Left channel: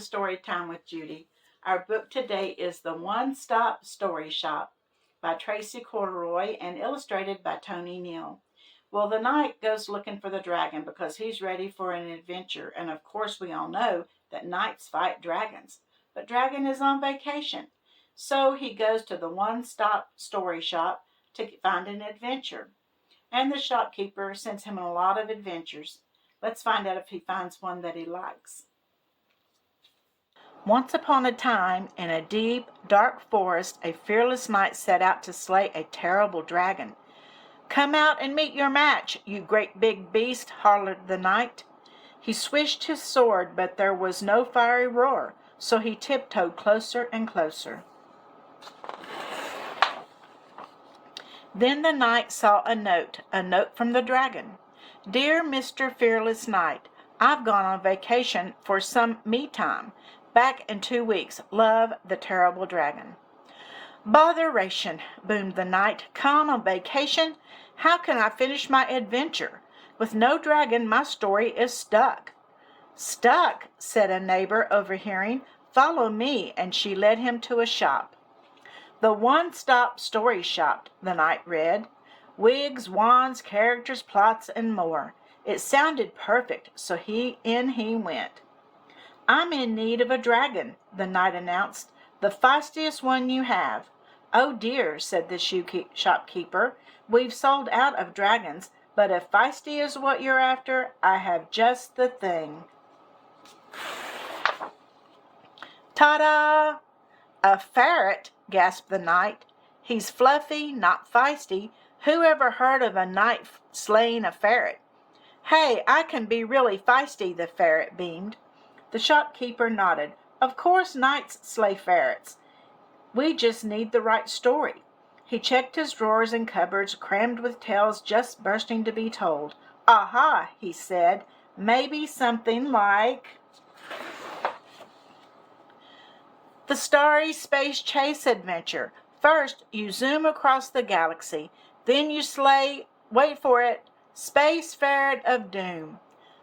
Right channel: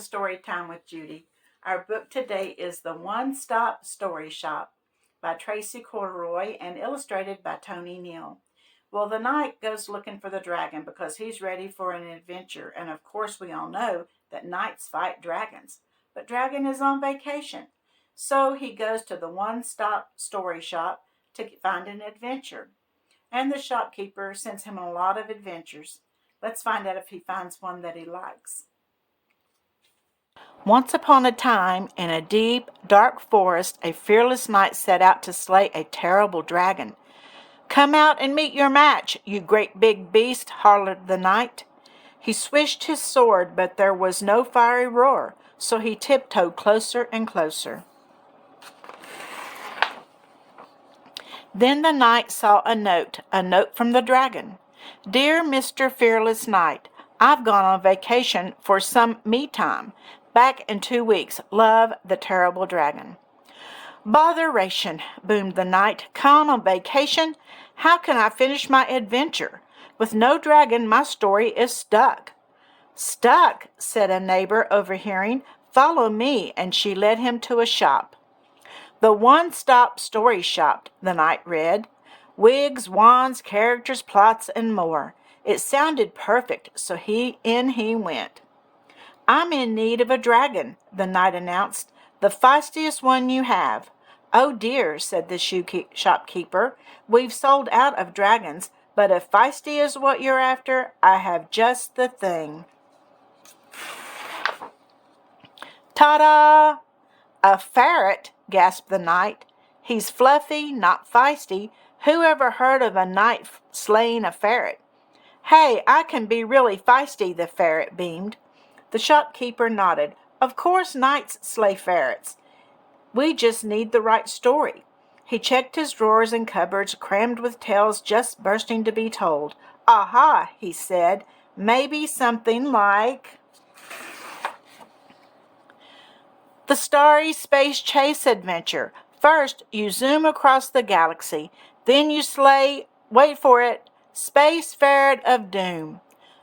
Story Time with Judy. Our book today is The One Stop Story Shop by Tracy Corduroy and illustrated by Tony Neal. Well, the knight goes looking for the dragon because he's ready for an adventure, and of course we all know that knights fight dragons. But Dragon is on vacation, so he goes to the One Stop Story Shop to find an adventure. And the shopkeeper sends him on a lot of adventures. Let's find out if he finds one that he likes. Once upon a time, in a deep, dark forest, a fearless knight set out to slay a terrible dragon. "Come out and meet your match, you great big beast," hollered the knight. He swished his sword, but there was no fiery roar, so he tiptoed closer and closer. Then the knight saw a note from the dragon. "Dear Mr. Fearless Knight, I've gone on vacation for some me time. Back in 2 weeks. Love, the terrible dragon." "Botheration," boomed the knight. "Gone on vacation? How can I finish my adventure? With no dragon, my story is stuck." "Stuck," said a neighbor, overhearing. "Follow me," and she led him to a shop. "The One Stop Story Shop," the knight read. Wigs, wands, characters, plots, and more. It sounded perfect, so in he went. "I'm in need of a dragon," the knight announced. "The feistiest one you have." "Oh dear," said the shopkeeper. "We've sold out of dragons, but if feisty is what you're after, I have just the thing." "Ta-da! A ferret," gasped the knight. "He's fluffy, not feisty. Who ever heard of a knight slaying a ferret?" "Hey, I can be really feisty," the ferret beamed. The shopkeeper nodded. "Of course knights slay ferrets. We just need the right story." He checked his drawers and cupboards, crammed with tales just bursting to be told. "Aha," he said. "Maybe something like the Starry Space Chase Adventure. First, you zoom across the galaxy. Then you slay, wait for it, Space Ferret of Doom."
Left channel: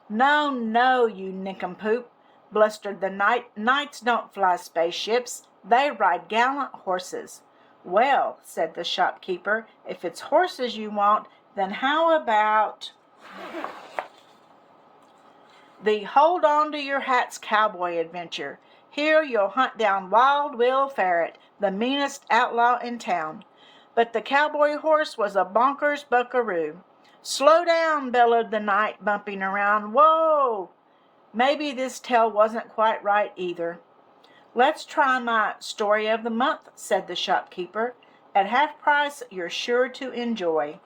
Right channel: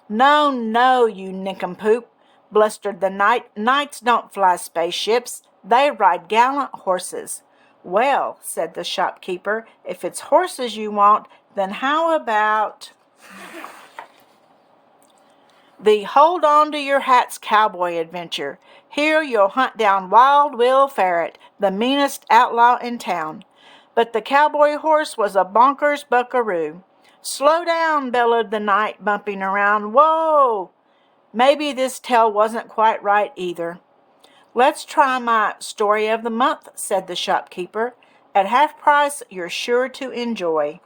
"No, no, you nincompoop," blustered the knight. "Knights don't fly spaceships. They ride gallant horses." "Well," said the shopkeeper, "if it's horses you want, then how about the Hold On to Your Hats Cowboy Adventure? Here you'll hunt down Wild Will Ferret, the meanest outlaw in town." But the cowboy horse was a bonkers buckaroo. "Slow down," bellowed the knight, bumping around. "Whoa!" Maybe this tale wasn't quite right either. "Let's try my Story of the Month," said the shopkeeper. "At half price, you're sure to enjoy."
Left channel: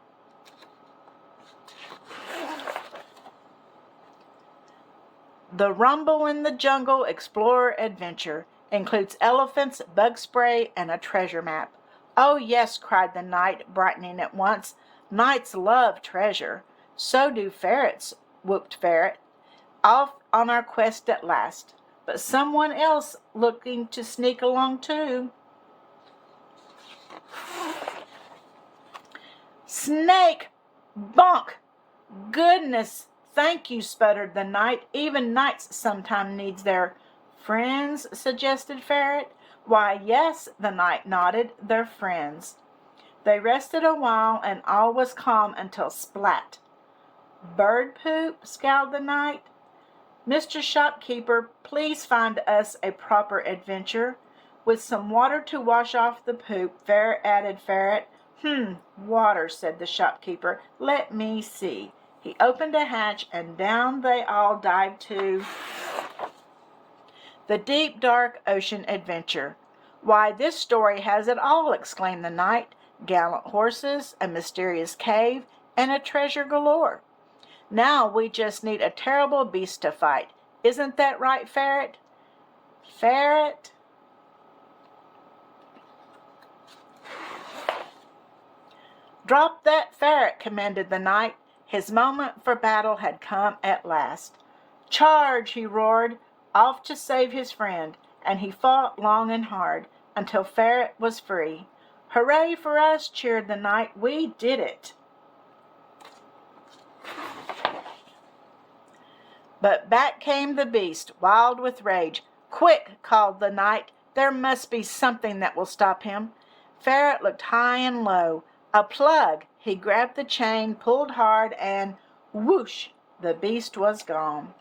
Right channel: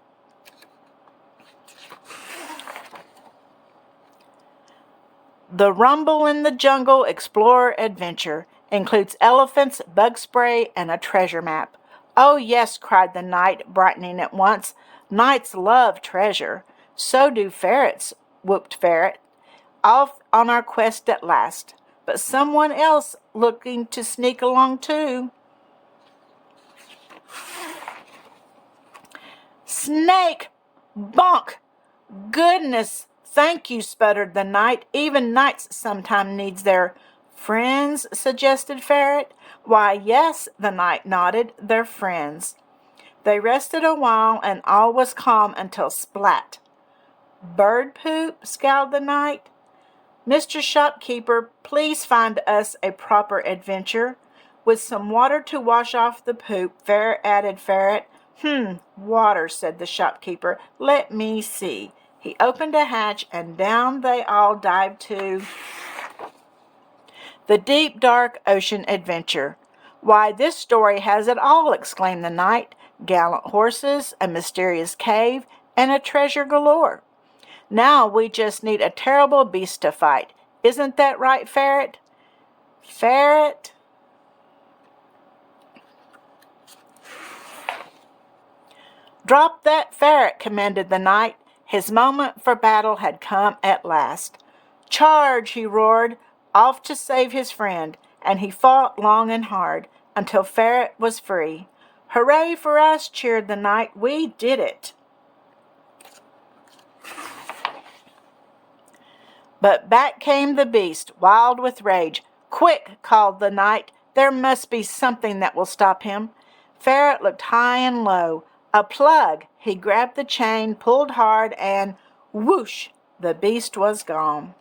The Rumble in the Jungle Explorer Adventure includes elephants, bug spray, and a treasure map. "Oh yes," cried the knight, brightening at once. "Knights love treasure." "So do ferrets," whooped Ferret. "Off on our quest at last. But someone else looking to sneak along too." "Snake! Bonk! Goodness, thank you," sputtered the knight. "Even knights sometimes needs their—" "Friends," suggested Ferret. "Why, yes," the knight nodded. "They're friends." They rested a while, and all was calm until splat. "Bird poop?" scowled the knight. "Mr. Shopkeeper, please find us a proper adventure." "With some water to wash off the poop," added Ferret. Water," said the shopkeeper. "Let me see." He opened a hatch, and down they all dived to the deep, dark ocean adventure. "Why, this story has it all," exclaimed the knight. "Gallant horses, a mysterious cave, and a treasure galore. Now we just need a terrible beast to fight. Isn't that right, Ferret?" "Ferret?" "Drop that ferret," commanded the knight. His moment for battle had come at last. "Charge!" he roared, off to save his friend, and he fought long and hard, until Ferret was free. "Hooray for us!" cheered the knight. "We did it!" But back came the beast, wild with rage. "Quick!" called the knight. "There must be something that will stop him." Ferret looked high and low. A plug! He grabbed the chain, pulled hard, and whoosh! The beast was gone.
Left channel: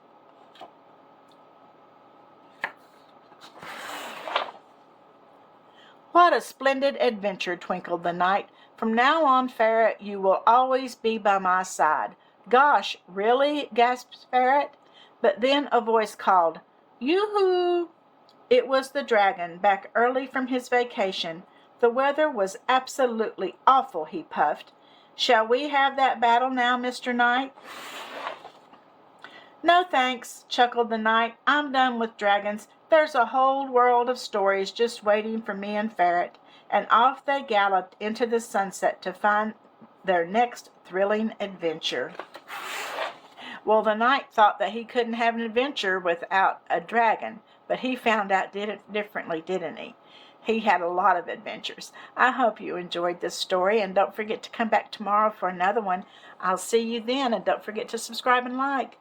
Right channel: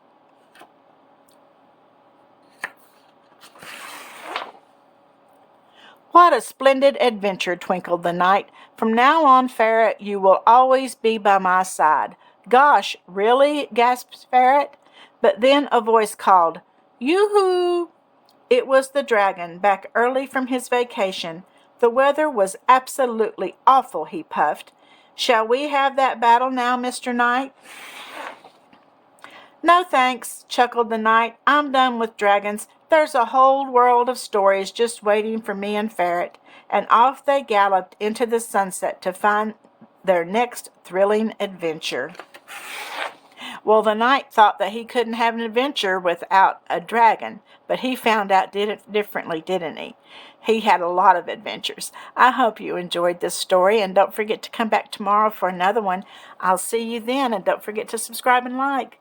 "What a splendid adventure!" twinkled the knight. "From now on, Ferret, you will always be by my side." "Gosh, really?" gasped Ferret. But then a voice called, "Yoo-hoo!" It was the dragon, back early from his vacation. "The weather was absolutely awful," he puffed. "Shall we have that battle now, Mr. Knight?" "No thanks," chuckled the knight. "I'm done with dragons. There's a whole world of stories just waiting for me and Ferret." And off they galloped into the sunset to find their next thrilling adventure. Well, the knight thought that he couldn't have an adventure without a dragon, but he found out differently, didn't he? He had a lot of adventures. I hope you enjoyed this story, and don't forget to come back tomorrow for another one. I'll see you then, and don't forget to subscribe and like.